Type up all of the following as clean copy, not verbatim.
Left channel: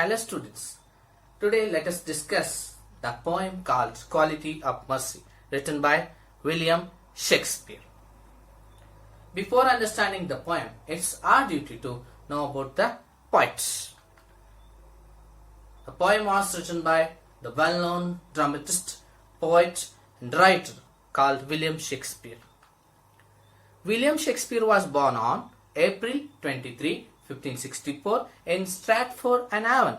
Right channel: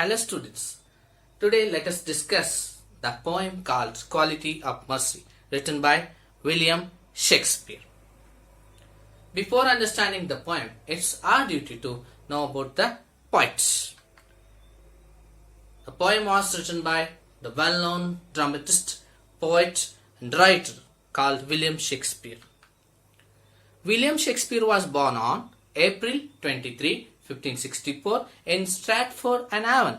Hello students, today let us discuss the poem called Quality of Mercy, written by William Shakespeare. Before understanding the poem, it's our duty to know about the poets. The poem was written by the well-known dramatist, poet and writer called William Shakespeare. William Shakespeare was born on April 23, 1564 in Stratford-on-Avon.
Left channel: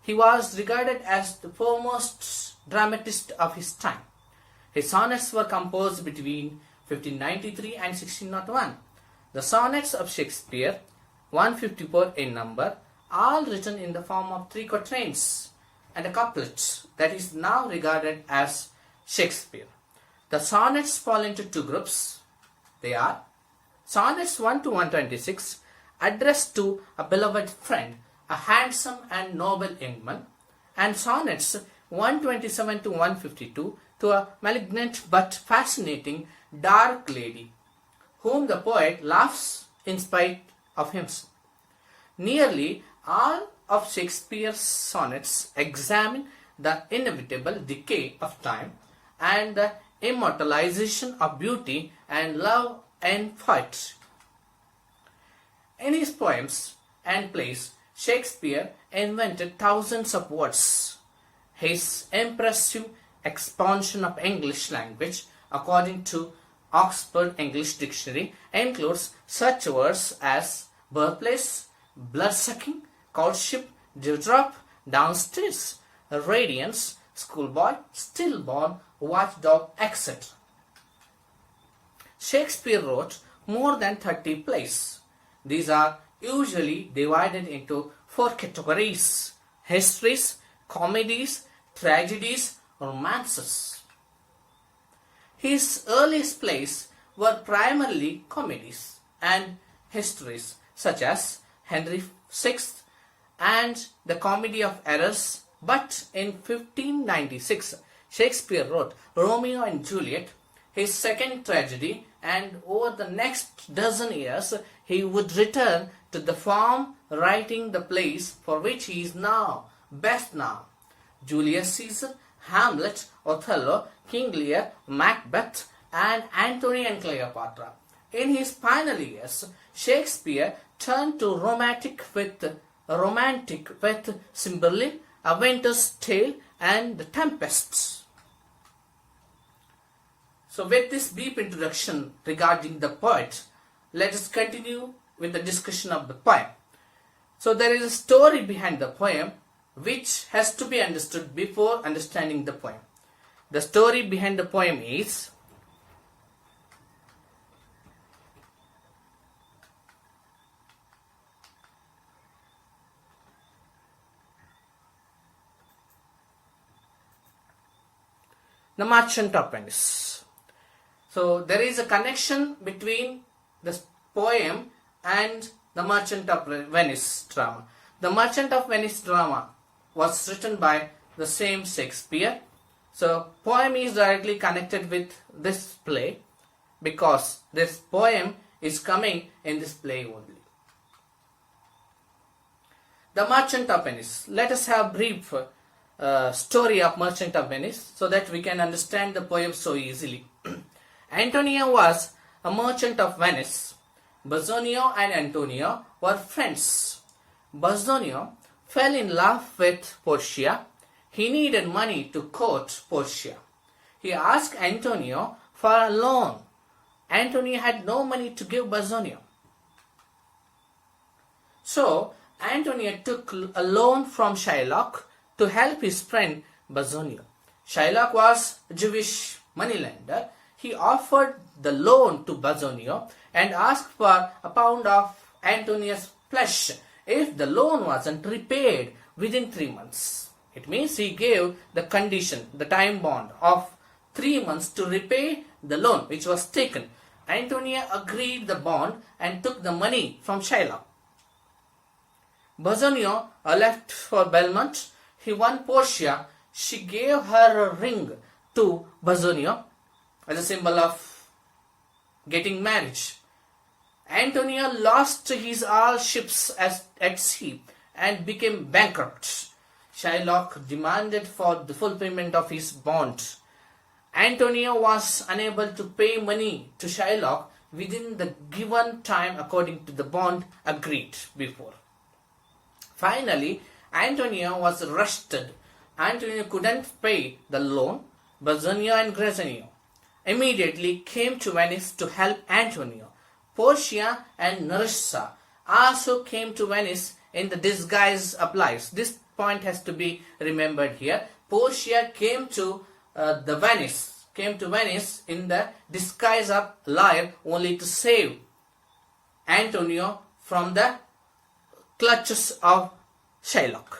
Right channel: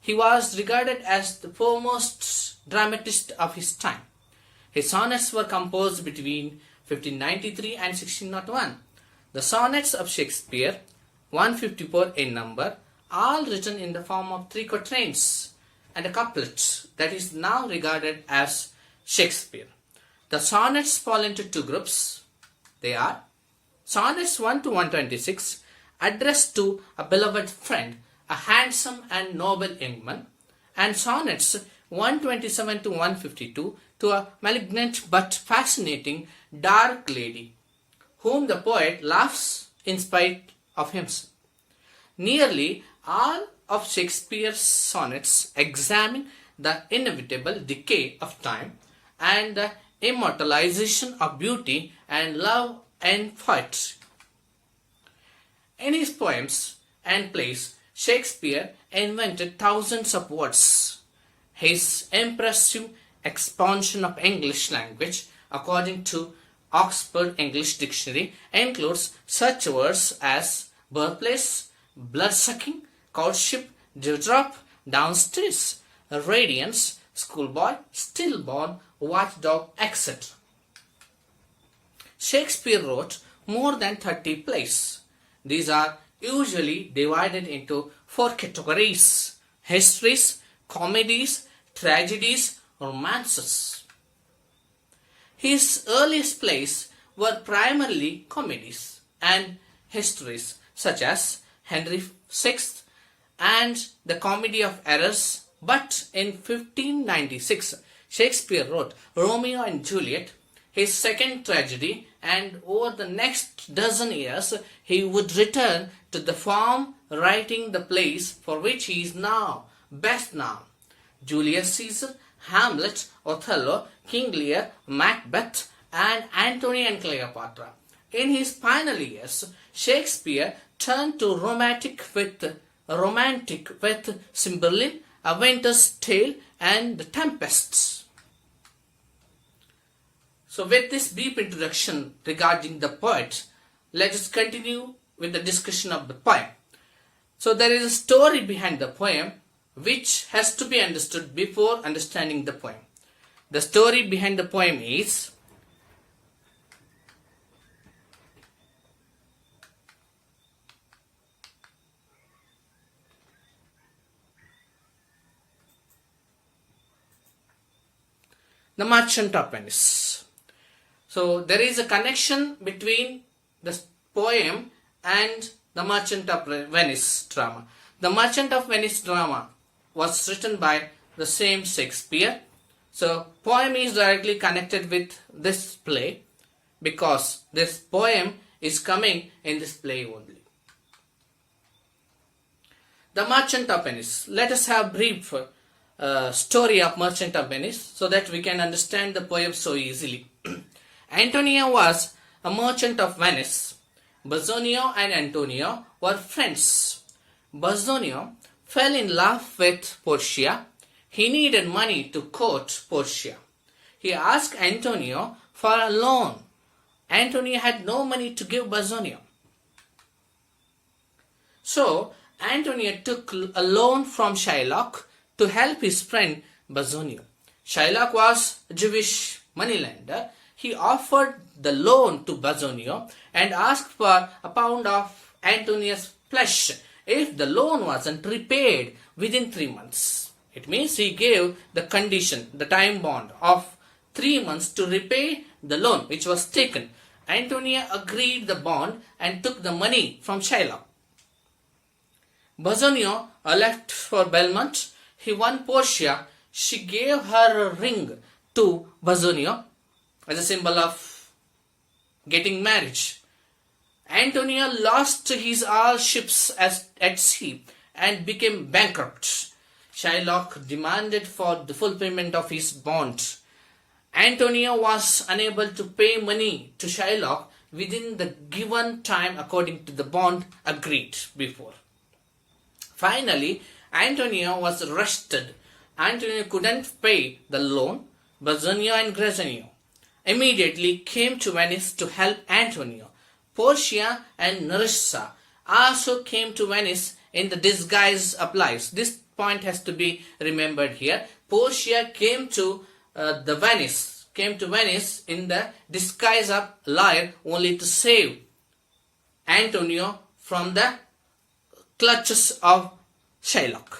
He was regarded as the foremost dramatist of his time. His sonnets were composed between 1593 and 1601. The sonnets of Shakespeare, 154 in number, all written in the form of three quatrains and a couplet that is now regarded as Shakespeare. The sonnets fall into two groups. They are Sonnets 1 to 126, addressed to a beloved friend, a handsome and noble young man, and Sonnets 127 to 152 to a malignant but fascinating dark lady, whom the poet loves in spite of himself. Nearly all of Shakespeare's sonnets examine the inevitable decay of time and the immortalization of beauty and love and fight. In his poems and plays, Shakespeare invented thousands of words. His impressive expansion of English language, according to Oxford English Dictionary, includes such words as birthplace, bloodsucking, courtship, dewdrop, downstairs, radiance, schoolboy, stillborn, watchdog, etc. Shakespeare wrote more than 30 plays. These are usually divided into four categories: histories, comedies, tragedies, romances. His earliest plays were primarily comedies and histories such as Henry VI and the Comedy of Errors, but in 1596 Shakespeare wrote Romeo and Juliet, his second tragedy, and over the next dozen years he would return to the form, writing the plays for which he is now best known: Julius Caesar, Hamlet, Othello, King Lear, Macbeth, and Antony and Cleopatra. In his final years, Shakespeare turned to romantic with Cymbeline, A Winter's Tale, and The Tempest. So with this brief introduction regarding the poet, let us continue with the discussion of the poem. So there is a story behind the poem which has to be understood before understanding the poem. The story behind the poem is The Merchant of Venice. So there is a connection between the poem and the Merchant of Venice drama. The Merchant of Venice drama was written by the same Shakespeare. So poem is directly connected with this play because this poem is coming in this play only. The Merchant of Venice. Let us have brief story of Merchant of Venice so that we can understand the poem so easily. Antonio was a merchant of Venice. Bassanio and Antonio were friends. Bassanio fell in love with Portia. He needed money to court Portia. He asked Antonio for a loan. Antonio had no money to give Bassanio. So Antonio took a loan from Shylock to help his friend Bassanio. Shylock was a Jewish moneylender. He offered the loan to Bassanio and asked for a pound of Antonio's flesh if the loan wasn't repaid within 3 months. It means he gave the condition, the time bond of 3 months to repay the loan which was taken. Antonio agreed the bond and took the money from Shylock. Bassanio left for Belmont. He won Portia. She gave her a ring to Bassanio as a symbol of getting marriage. Antonio lost his all ships at sea and became bankrupt. Shylock demanded for the full payment of his bond. Antonio was unable to pay money to Shylock within the given time according to the bond agreed before. Finally, Antonio was arrested. Antonio couldn't pay the loan. Bassanio and Grassanio immediately came to Venice to help Antonio. Portia and Nerissa also came to Venice in the disguise of lies. This point has to be remembered here. Portia came to Venice in the disguise of liar only to save Antonio from the clutches of Shylock.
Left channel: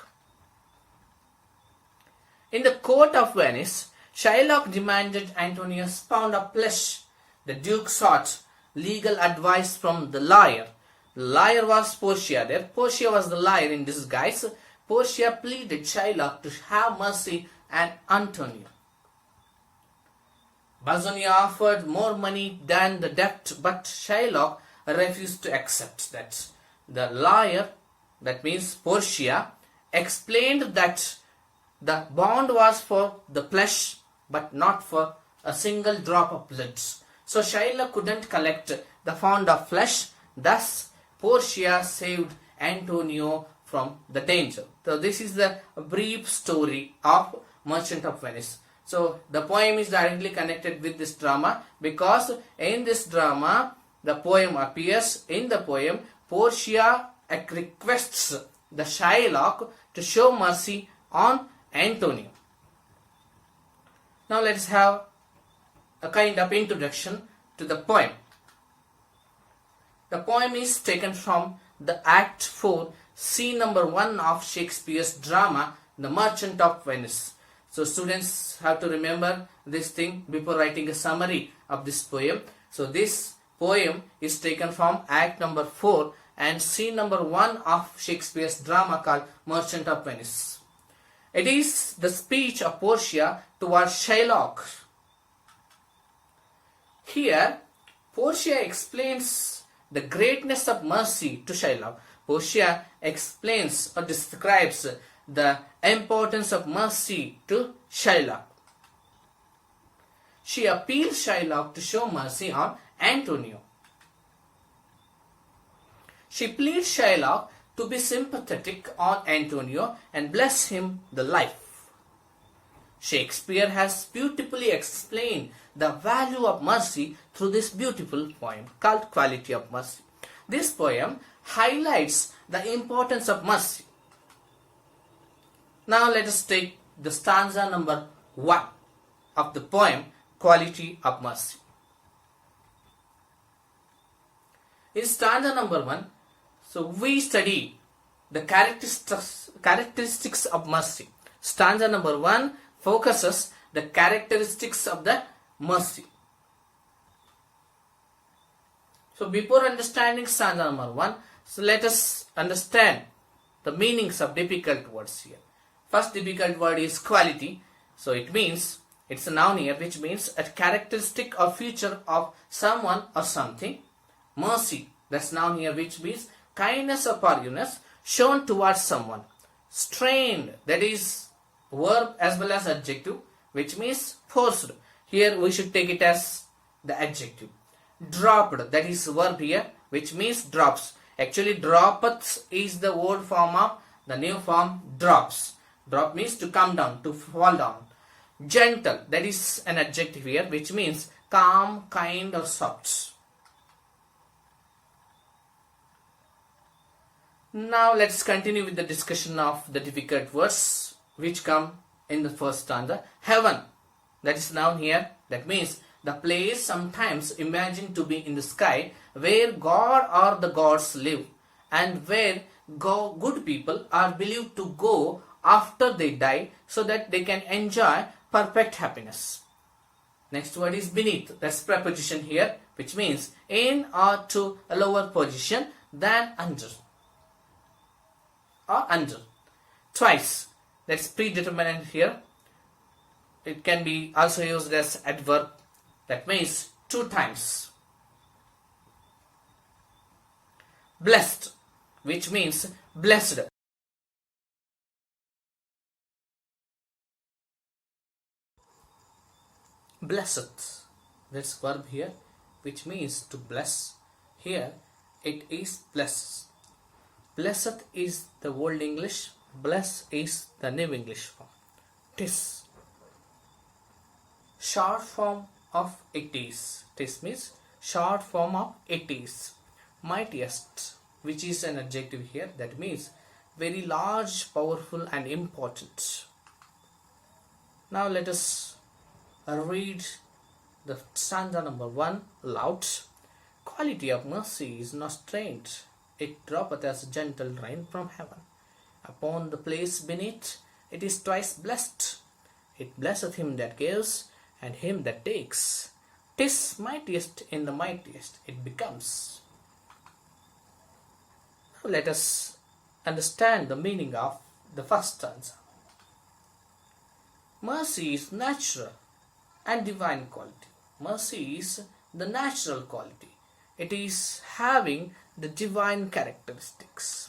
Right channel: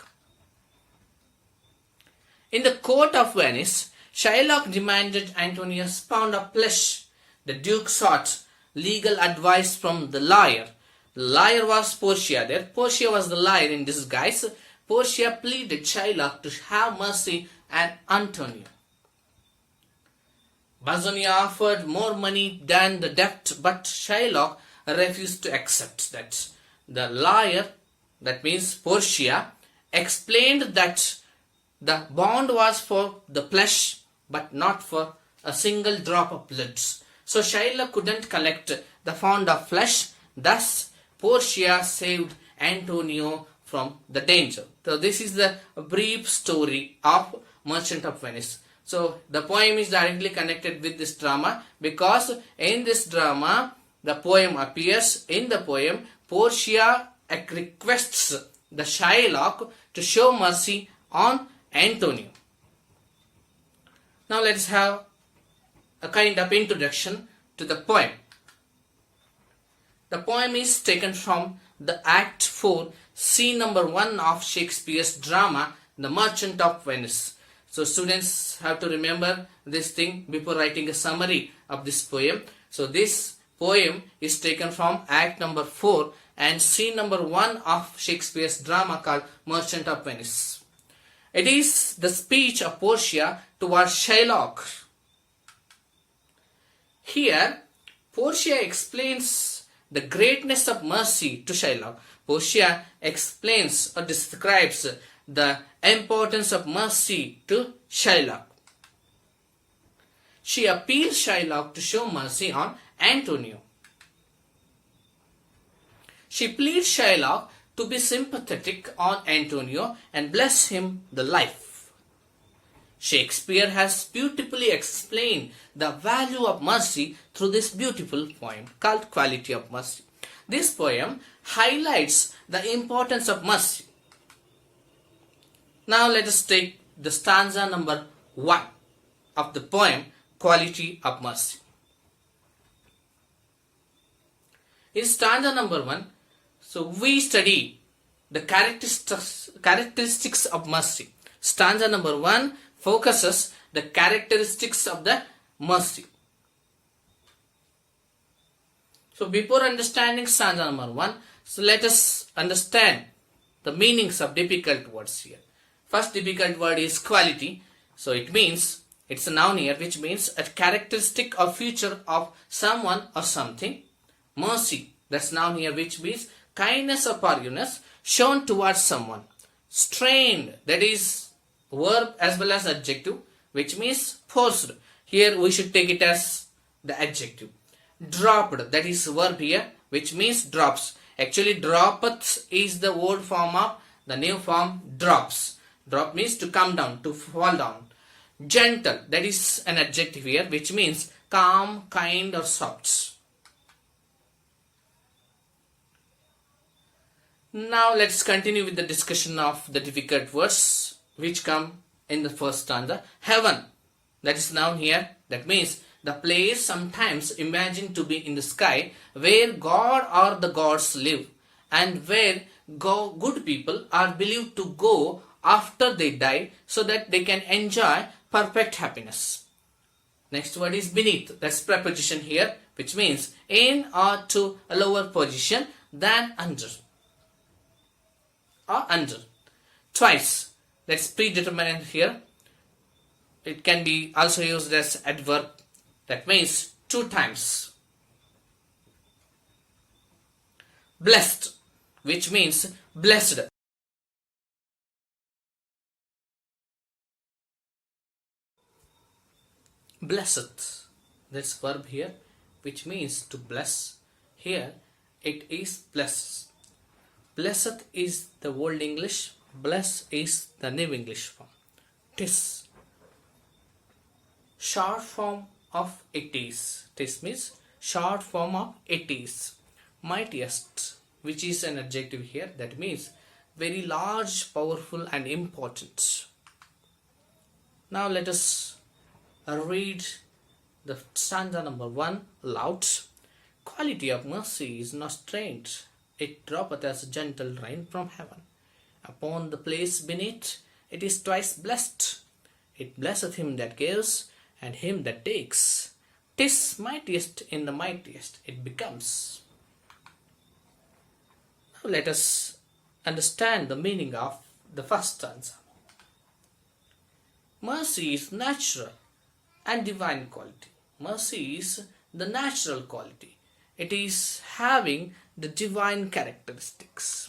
In the court of Venice, Shylock demanded Antonio's pound of flesh. The Duke sought legal advice from the liar. The liar was Portia. There, Portia was the liar in disguise. Portia pleaded Shylock to have mercy on Antonio. Bassanio offered more money than the debt, but Shylock refused to accept that. The liar, that means Portia, explained that the bond was for the flesh but not for a single drop of blood. So Shylock couldn't collect the pound of flesh. Thus, Portia saved Antonio from the danger. So this is the brief story of Merchant of Venice. So the poem is directly connected with this drama because in this drama the poem appears. In the poem, Portia requests the Shylock to show mercy on Antonio. Now let's have a kind of introduction to the poem. The poem is taken from the Act 4, scene number 1 of Shakespeare's drama, The Merchant of Venice. So students have to remember this thing before writing a summary of this poem. So this poem is taken from Act number 4 and scene number 1 of Shakespeare's drama called Merchant of Venice. It is the speech of Portia towards Shylock. Here, Portia explains the greatness of mercy to Shylock. Portia explains or describes the importance of mercy to Shylock. She appeals Shylock to show mercy on Antonio. She pleads Shylock to be sympathetic on Antonio and bless him the life. Shakespeare has beautifully explained the value of mercy through this beautiful poem called Quality of Mercy. This poem highlights the importance of mercy. Now let us take the stanza number 1 of the poem Quality of Mercy. In stanza number 1, so we study the characteristics of mercy. Stanza number 1 focuses the characteristics of the mercy. So before understanding stanza number 1, so let us understand the meanings of difficult words here. First difficult word is quality. So it means, it's a noun here, which means a characteristic or feature of someone or something. Mercy, that's noun here, which means kindness or forgiveness shown towards someone. Strained, that is verb as well as adjective, which means forced. Here we should take it as the adjective. Dropped, that is verb here, which means drops. Actually, droppeth is the old form of the new form drops. Drop means to come down, to fall down. Gentle, that is an adjective here, which means calm, kind or soft. Now let's continue with the discussion of the difficult words which come in the first stanza. Heaven, that is noun here, that means the place sometimes imagined to be in the sky where God or the gods live and where good people are believed to go after they die so that they can enjoy perfect happiness. Next word is beneath, that's preposition here, which means in or to a lower position than under or under. Twice, that's predeterminant here. It can be also used as adverb, that means 2 times. Blessed, which means blessed. blesseth. This verb here, which means to bless. Here it is blesses. Blesseth is the Old English, bless is the New English form. Tis. Short form of it is. Tis means short form of it is. Mightiest, which is an adjective here, that means very large, powerful and important. Now let us read the stanza number 1 aloud. Quality of mercy is not strange, it droppeth as gentle rain from heaven. Upon the place beneath, it is twice blessed. It blesseth him that gives, and him that takes. 'Tis mightiest in the mightiest, it becomes. Now let us understand the meaning of the first stanza. Mercy is natural and divine quality. Mercy is the natural quality. It is having the divine characteristics.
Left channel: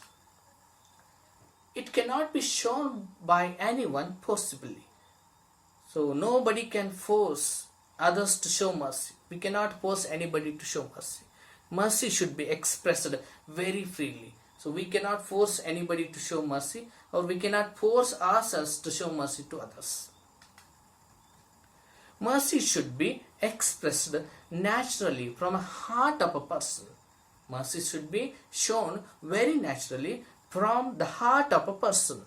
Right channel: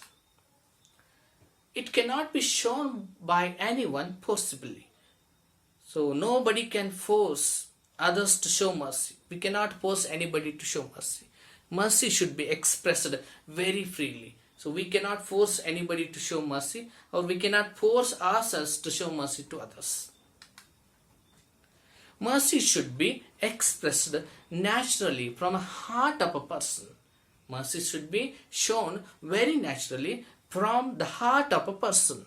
It cannot be shown by anyone possibly. So nobody can force others to show mercy. We cannot force anybody to show mercy. Mercy should be expressed very freely. So we cannot force anybody to show mercy, or we cannot force ourselves to show mercy to others. Mercy should be expressed naturally from a heart of a person. Mercy should be shown very naturally from the heart of a person.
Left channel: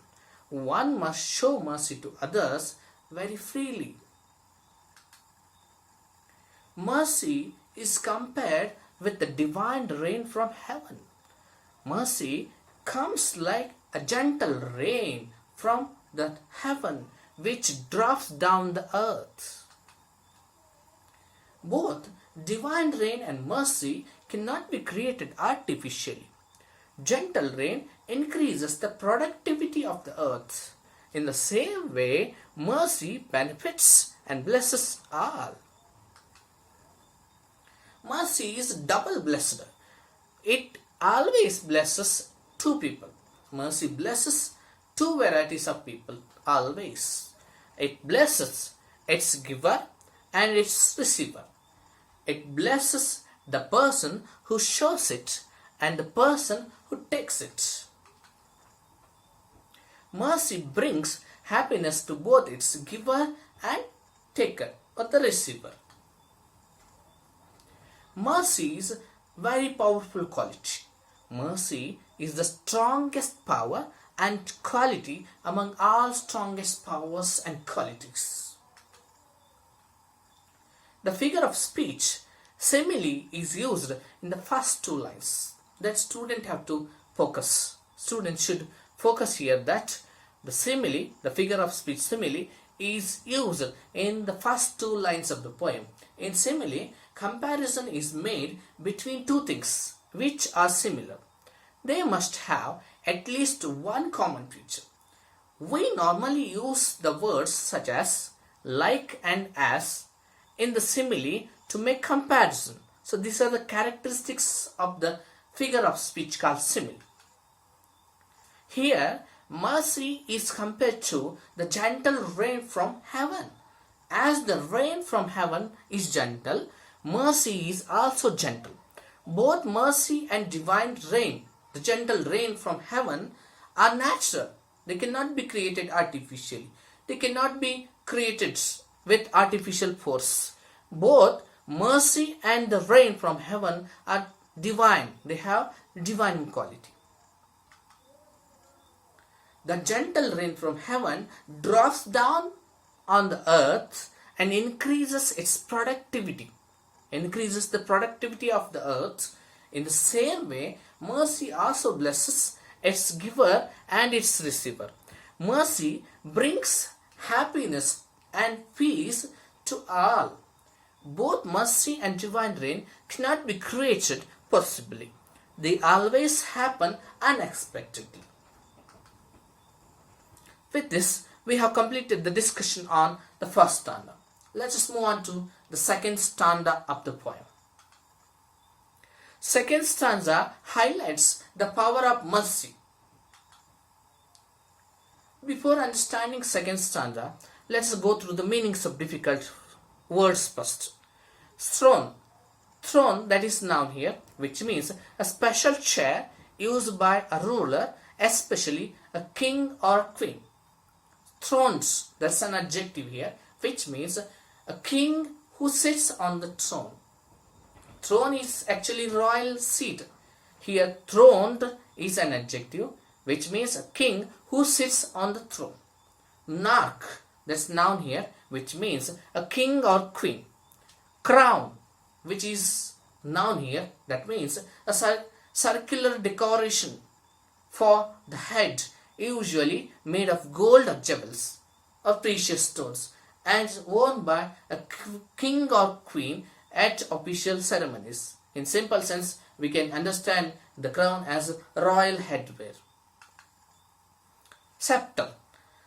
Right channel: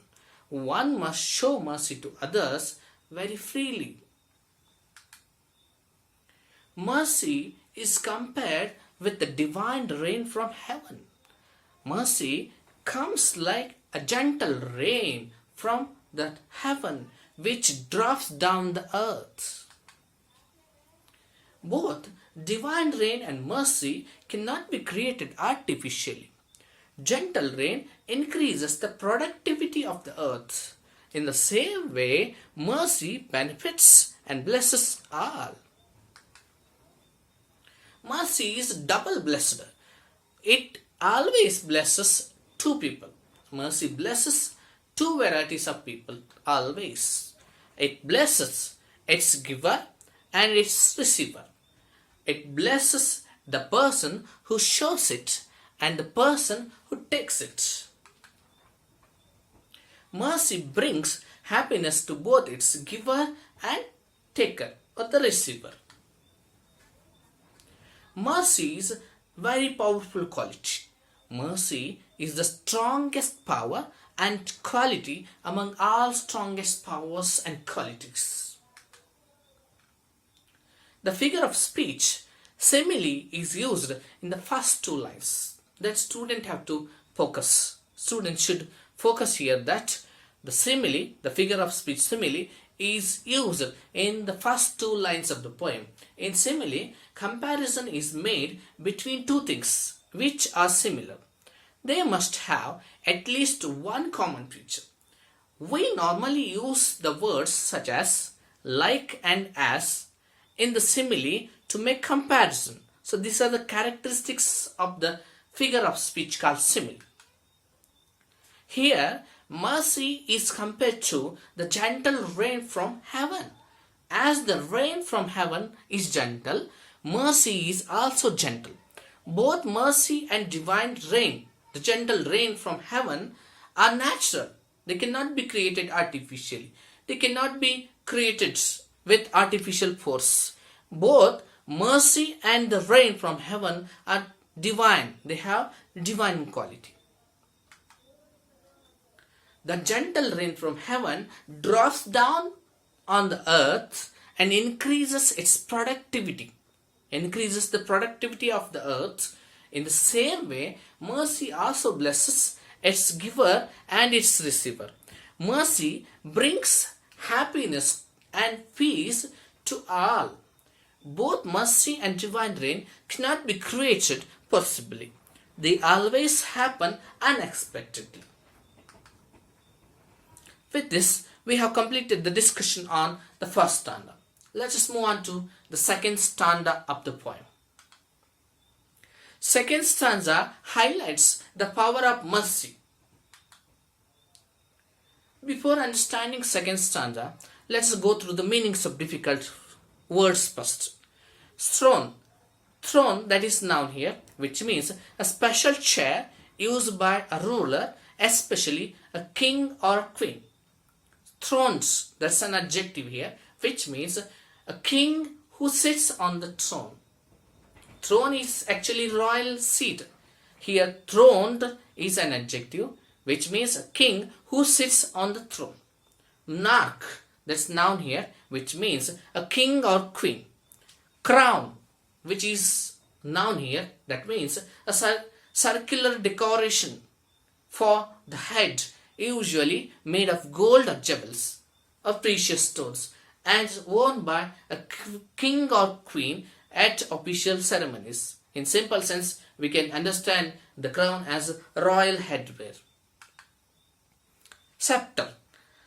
One must show mercy to others very freely. Mercy is compared with the divine rain from heaven. Mercy comes like a gentle rain from the heaven which drops down the earth. Both divine rain and mercy cannot be created artificially. Gentle rain increases the productivity of the earth. In the same way, mercy benefits and blesses all. Mercy is double blessed. It always blesses two people. Mercy blesses two varieties of people always. It blesses its giver and its receiver. It blesses the person who shows it and the person who takes it. Mercy brings happiness to both its giver and taker, or the receiver. Mercy is very powerful quality. Mercy is the strongest power and quality among all strongest powers and qualities. The figure of speech, simile, is used in the first two lines. That student have to focus. Student should focus here that the simile, the figure of speech simile, is used in the first two lines of the poem. In simile, comparison is made between two things which are similar. They must have at least one common feature. We normally use the words such as like and as in the simile to make comparison. So these are the characteristics of the figure of speech called simile. Here, mercy is compared to the gentle rain from heaven. As the rain from heaven is gentle, mercy is also gentle. Both mercy and divine rain, the gentle rain from heaven, are natural. They cannot be created artificially. They cannot be created with artificial force. Both mercy and the rain from heaven are divine. They have divine quality. The gentle rain from heaven drops down on the earth and increases its productivity. Increases the productivity of the earth. In the same way, mercy also blesses its giver and its receiver. Mercy brings happiness and peace to all. Both mercy and divine rain cannot be created possibly. They always happen unexpectedly. With this, we have completed the discussion on the first stanza. Let us move on to the second stanza of the poem. Second stanza highlights the power of mercy. Before understanding second stanza, let us go through the meanings of difficult words first. Throne. Throne, that is noun here, which means a special chair used by a ruler, especially a king or queen. Thrones, that's an adjective here, which means a king who sits on the throne. Throne is actually royal seat. Here, throned is an adjective, which means a king who sits on the throne. Monarch, that's noun here, which means a king or queen. Crown, which is noun here, that means a circular decoration for the head, usually made of gold or jewels or precious stones, and worn by a king or queen at official ceremonies. In simple sense, we can understand the crown as royal headwear. Scepter.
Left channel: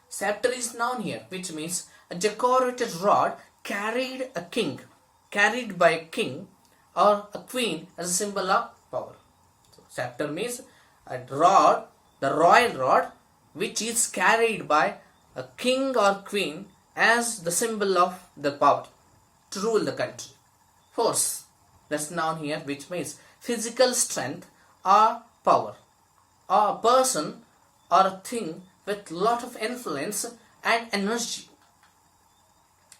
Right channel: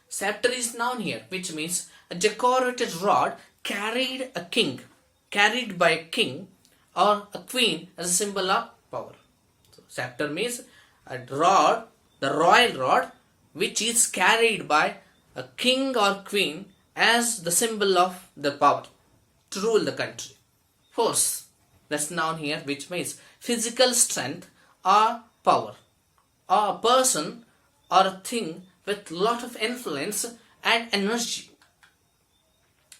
Scepter is noun here, which means a decorated rod carried by a king or a queen as a symbol of power. So, scepter means a rod, the royal rod, which is carried by a king or queen as the symbol of the power to rule the country. Force, that's noun here, which means physical strength or power, or a person or a thing with lot of influence and energy.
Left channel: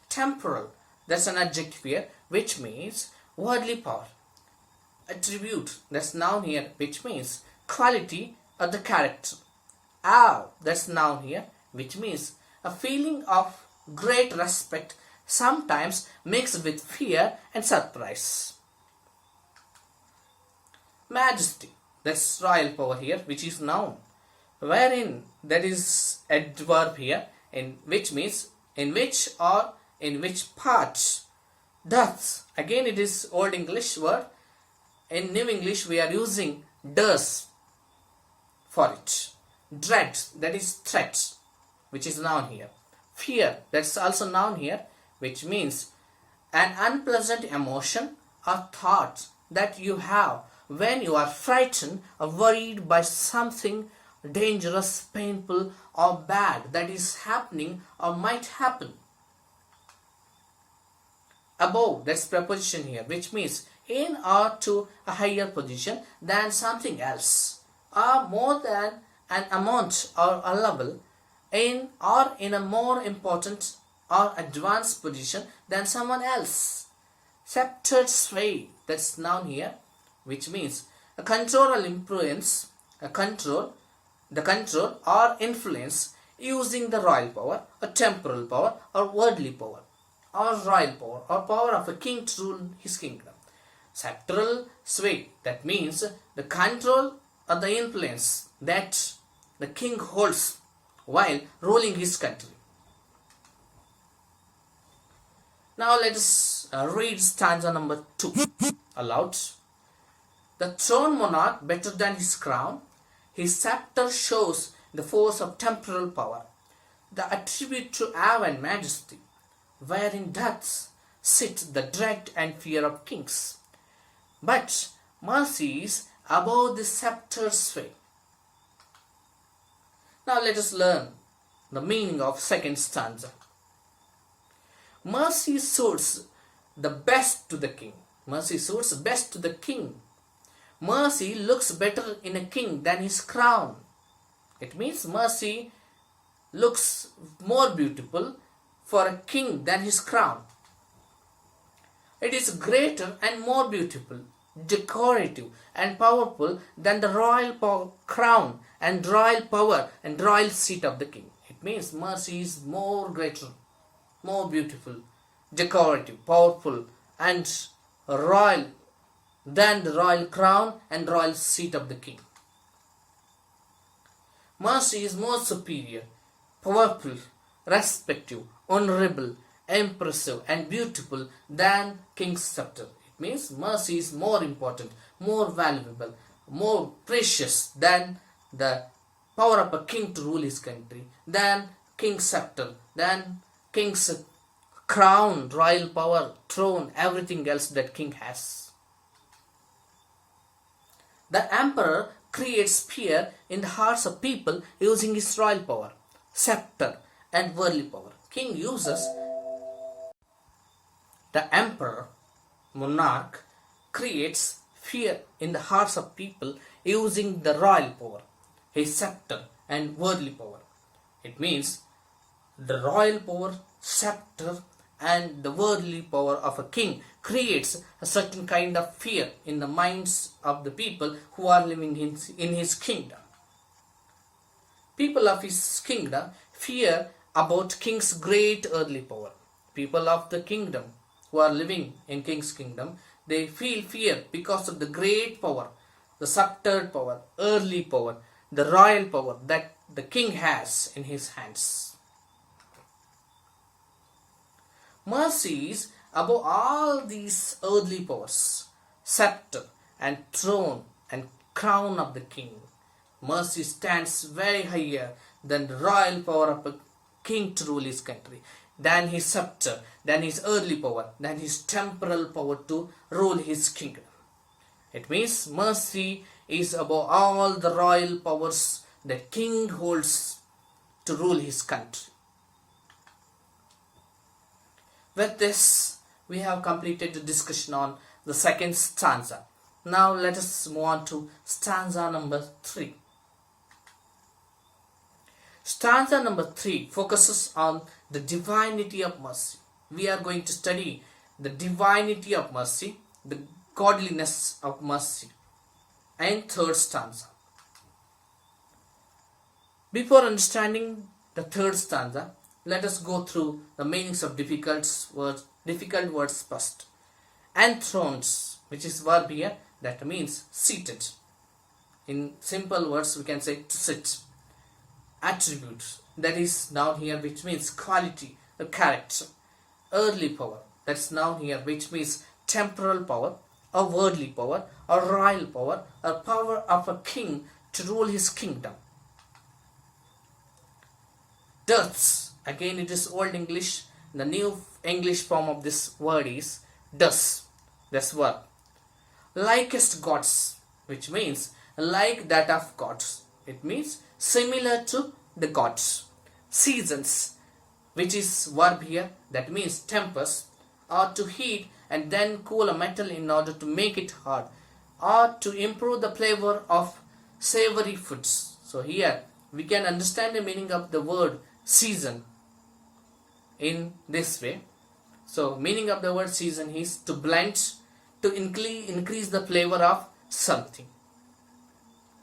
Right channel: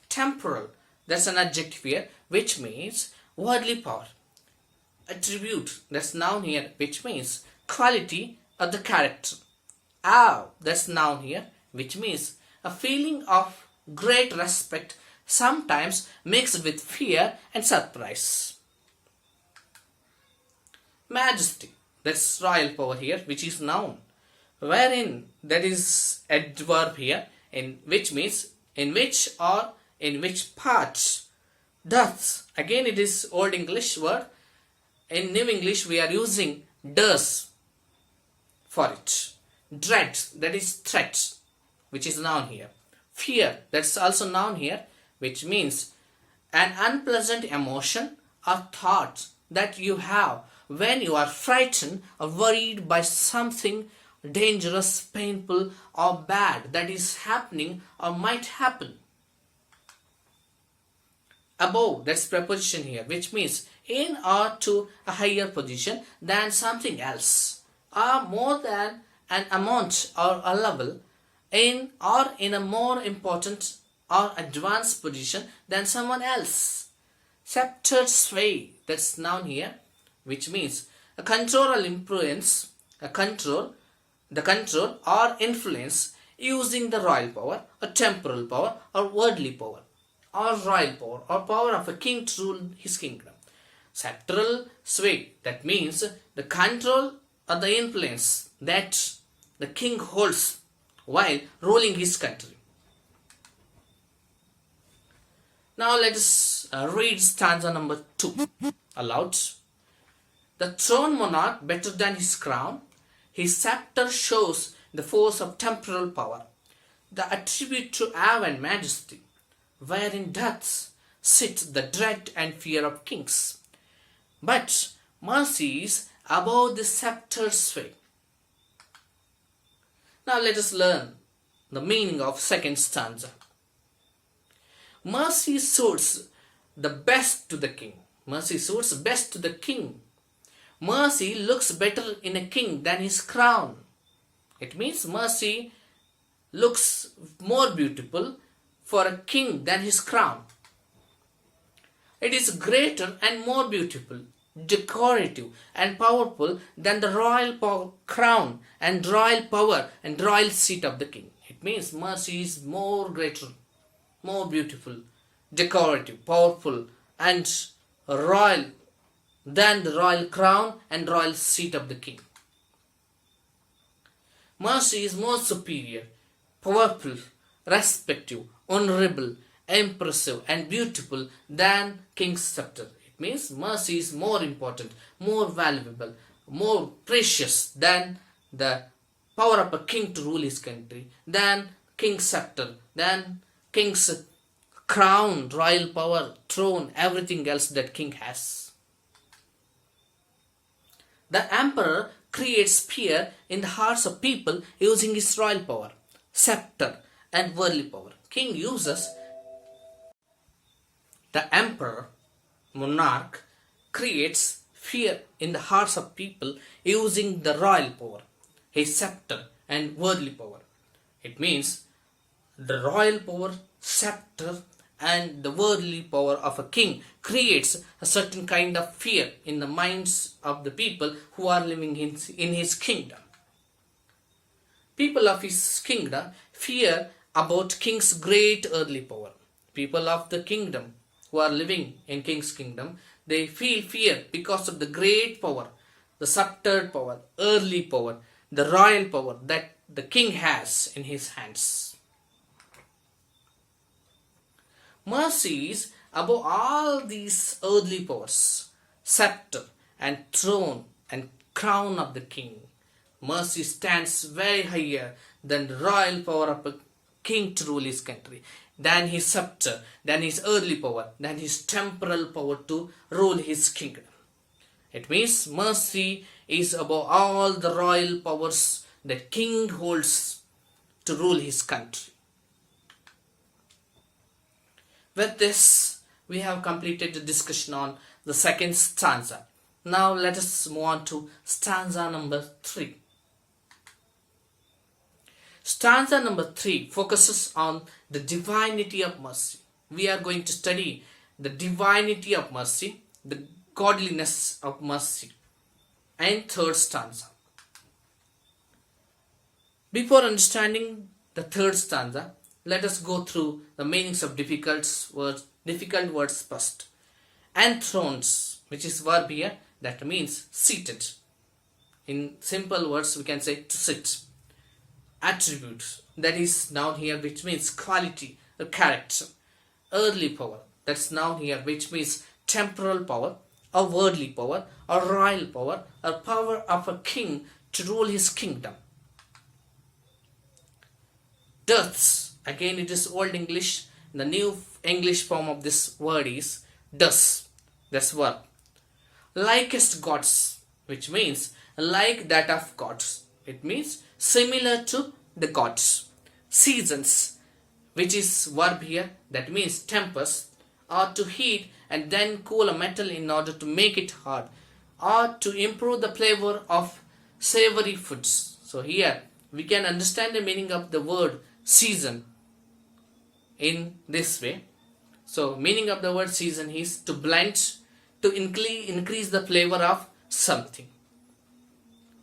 Temporal, that's an adjective here, which means worldly power. Attribute, that's noun here, which means quality or the character. Awe, that's noun here, which means a feeling of great respect, sometimes mixed with fear and surprise. Majesty, that's royal power here, which is noun, wherein, that is adverb here, in which means in which or in which part. Doth, again it is old English word. In New English we are using does for it. Dread, that is threat, which is noun here. Fear, that's also noun here, which means an unpleasant emotion or thought that you have when you are frightened or worried by something dangerous, painful or bad that is happening or might happen. Above, that's preposition here, which means in or to a higher position than something else, or more than an amount or a level, in or in a more important or advanced position than someone else. Sceptered sway, that's noun here, which means a control or influence, the control or influence using the royal power, or temporal power, or worldly power, or royal power, or power of a king to rule his kingdom. Sceptral sway, that means the control or the influence that the king holds while ruling his country. Now let us read stanza number 2 aloud. The throne monarch better than his crown, his scepter shows the force of temporal power, the attribute to awe and majesty, wherein doth sit the dread and fear of kings. But mercy is above the scepter's sway. Now let us learn the meaning of second stanza. Mercy suits the best to the king. Mercy suits best to the king. Mercy looks better in a king than his crown. It means mercy looks more beautiful for a king than his crown. It is greater and more beautiful, decorative and powerful than the royal crown and royal power and royal seat of the king. It means mercy is more greater, more beautiful, decorative, powerful and royal than the royal crown and royal seat of the king. Mercy is more superior, powerful, respective, honorable, impressive and beautiful than king's scepter. It means mercy is more important, more valuable, more precious than the power of a king to rule his country, than king's scepter, than king's crown, royal power, throne, everything else that king has. The emperor creates fear in the hearts of people using his royal power, scepter and worldly power. King uses The emperor, monarch, creates fear in the hearts of people using the royal power, his scepter, and worldly power. It means the royal power, scepter, and the worldly power of a king creates a certain kind of fear in the minds of the people who are living in his kingdom. People of his kingdom fear about king's great earthly power. People of the kingdom who are living in king's kingdom, they feel fear because of the great power, the sceptered power, earthly power, the royal power that the king has in his hands. Mercy is above all these earthly powers, scepter and throne and crown of the king. Mercy stands very higher than the royal power of a king to rule his country, than his scepter, than his earthly power, than his temporal power to rule his kingdom. It means mercy is above all the royal powers that king holds to rule his country. With this, we have completed the discussion on the second stanza. Now let us move on to stanza number 3. Stanza number 3 focuses on the divinity of mercy. We are going to study the divinity of mercy, the godliness of mercy, and third stanza. Before understanding the third stanza, let us go through the meanings of difficult words first. Enthroned, which is verb here, that means seated. In simple words, we can say to sit. Attribute, that is noun here, which means quality or character. Earthly power, that's noun here, which means temporal power or worldly power or royal power or power of a king to rule his kingdom. Deaths, again it is old English. The new English form of this word is does. That's verb. Likest gods, which means like that of gods. It means similar to the gods. Seasons, which is verb here, that means tempers, or to heat and then cool a metal in order to make it hard, or to improve the flavor of savory foods. So here we can understand the meaning of the word season in this way. So meaning of the word season is to blend, to increase the flavor of something,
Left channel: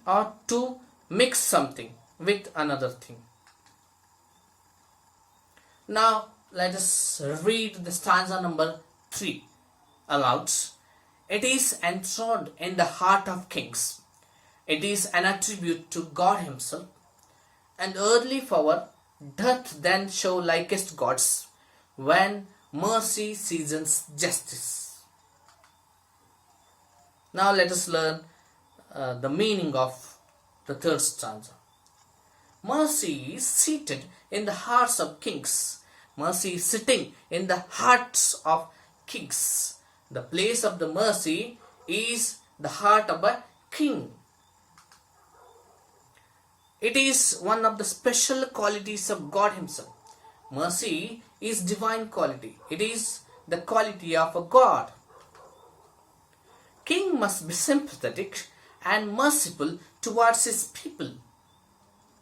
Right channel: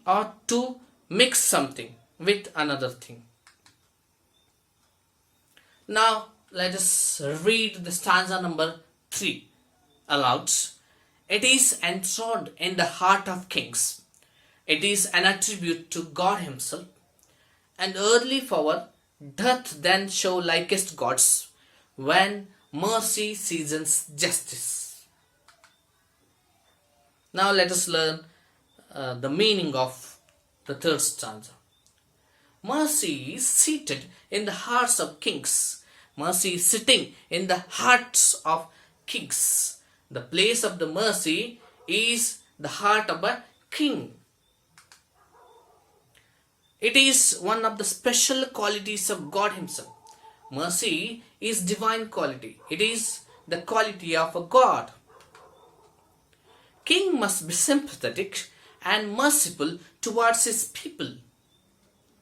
or to mix something with another thing. Now let us read the stanza number 3 aloud. It is enthroned in the heart of kings. It is an attribute to God himself. And earthly power doth then show likest gods when mercy seasons justice. Now let us learn the meaning of the third stanza. Mercy is seated in the hearts of kings. Mercy is sitting in the hearts of kings. The place of the mercy is the heart of a king. It is one of the special qualities of God himself. Mercy is divine quality. It is the quality of a God. King must be sympathetic and merciful towards his people.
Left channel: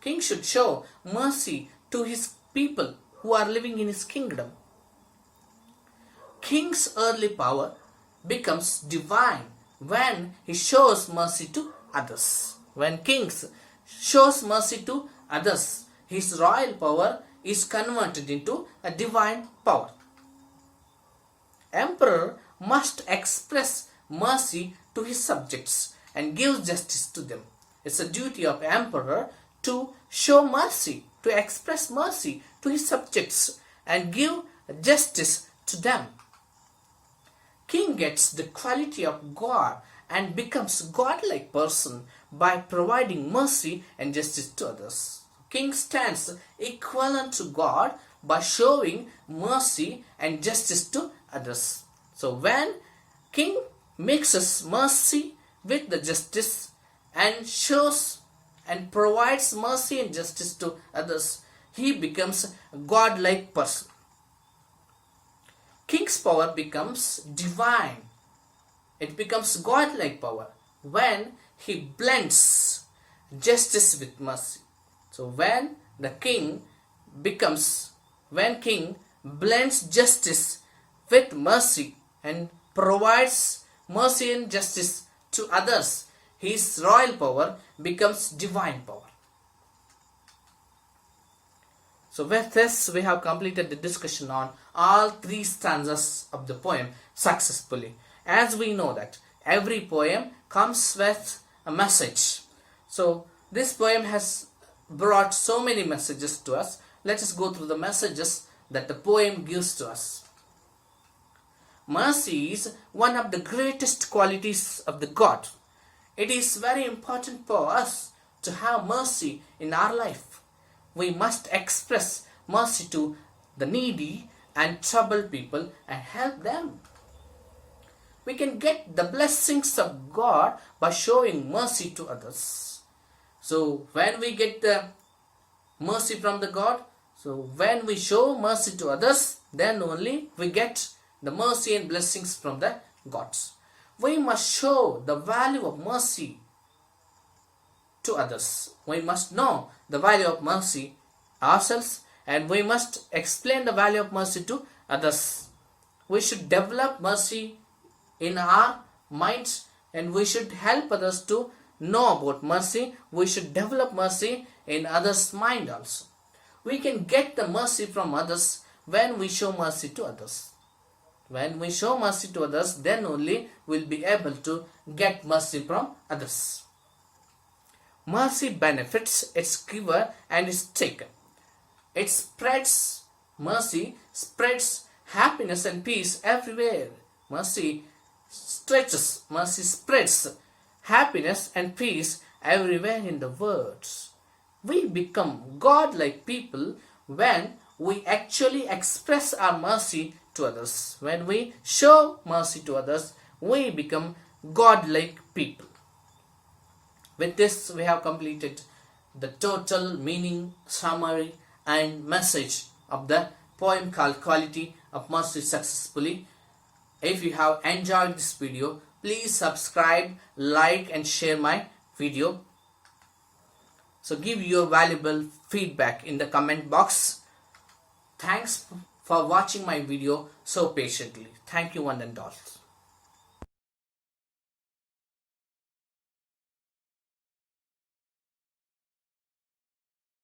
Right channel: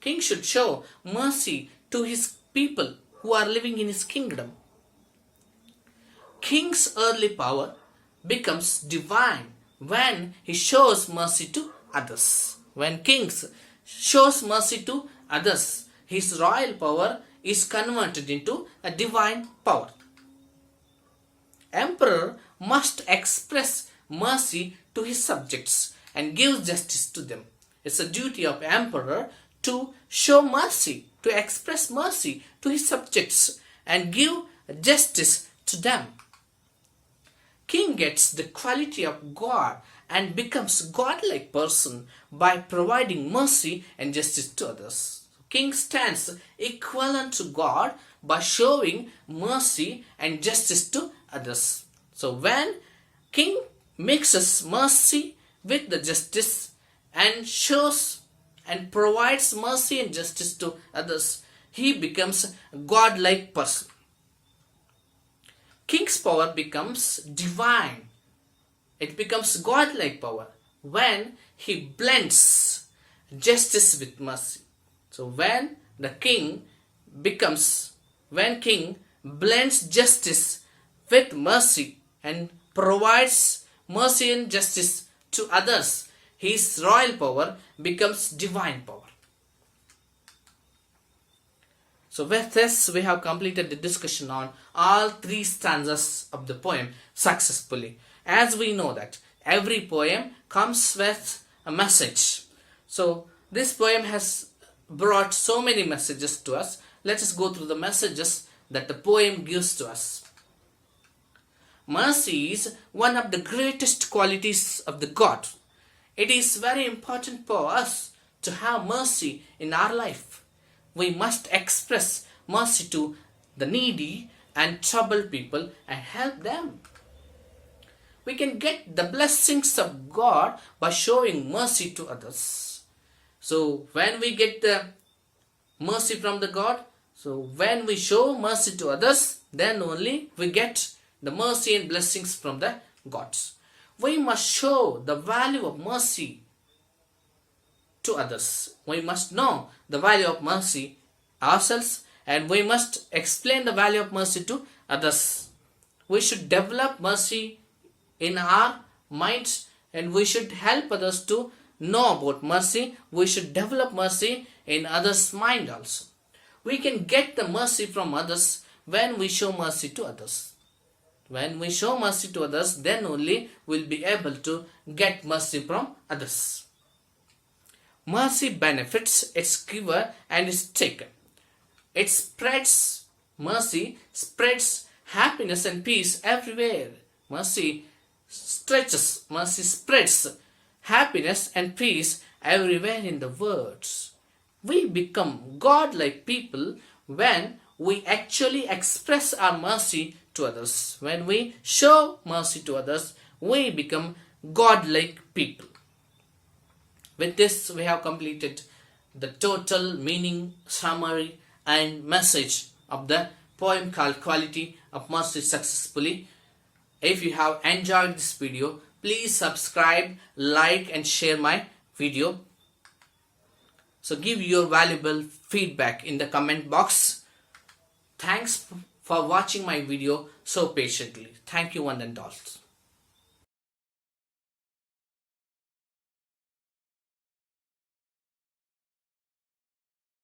King should show mercy to his people who are living in his kingdom. King's earthly power becomes divine when he shows mercy to others. When king shows mercy to others, his royal power is converted into a divine power. Emperor must express mercy to his subjects and give justice to them. It's a duty of emperor to show mercy, to express mercy to his subjects and give justice to them. King gets the quality of God and becomes godlike person by providing mercy and justice to others. King stands equivalent to God by showing mercy and justice to others. So when king mixes mercy with the justice and shows and provides mercy and justice to others, he becomes a godlike person. King's power becomes divine. It becomes godlike power when he blends justice with mercy. So when king blends justice with mercy and provides mercy and justice to others, his royal power becomes divine power. So with this, we have completed the discussion on all three stanzas of the poem successfully. As we know that every poem comes with a message. So this poem has brought so many messages to us. Let us go through the messages that the poem gives to us. Mercy is one of the greatest qualities of the God. It is very important for us to have mercy in our life. We must express mercy to the needy and troubled people and help them. We can get the blessings of God by showing mercy to others. So when we get the mercy from the God, so when we show mercy to others, then only we get the mercy and blessings from the gods. We must show the value of mercy to others. We must know the value of mercy ourselves, and we must explain the value of mercy to others. We should develop mercy in our minds, and we should help others to know about mercy. We should develop mercy in others' mind also. We can get the mercy from others when we show mercy to others. When we show mercy to others, then only we'll be able to get mercy from others. Mercy benefits its giver and its taker. Mercy spreads happiness and peace everywhere. Mercy spreads happiness and peace everywhere in the world. We become godlike people when we actually express our mercy to others. When we show mercy to others, we become godlike people. With this, we have completed the total meaning, summary and message of the poem called Quality of Mercy successfully. If you have enjoyed this video, please subscribe, like and share my video. So give your valuable feedback in the comment box. Thanks for watching my video so patiently. Thank you one and all.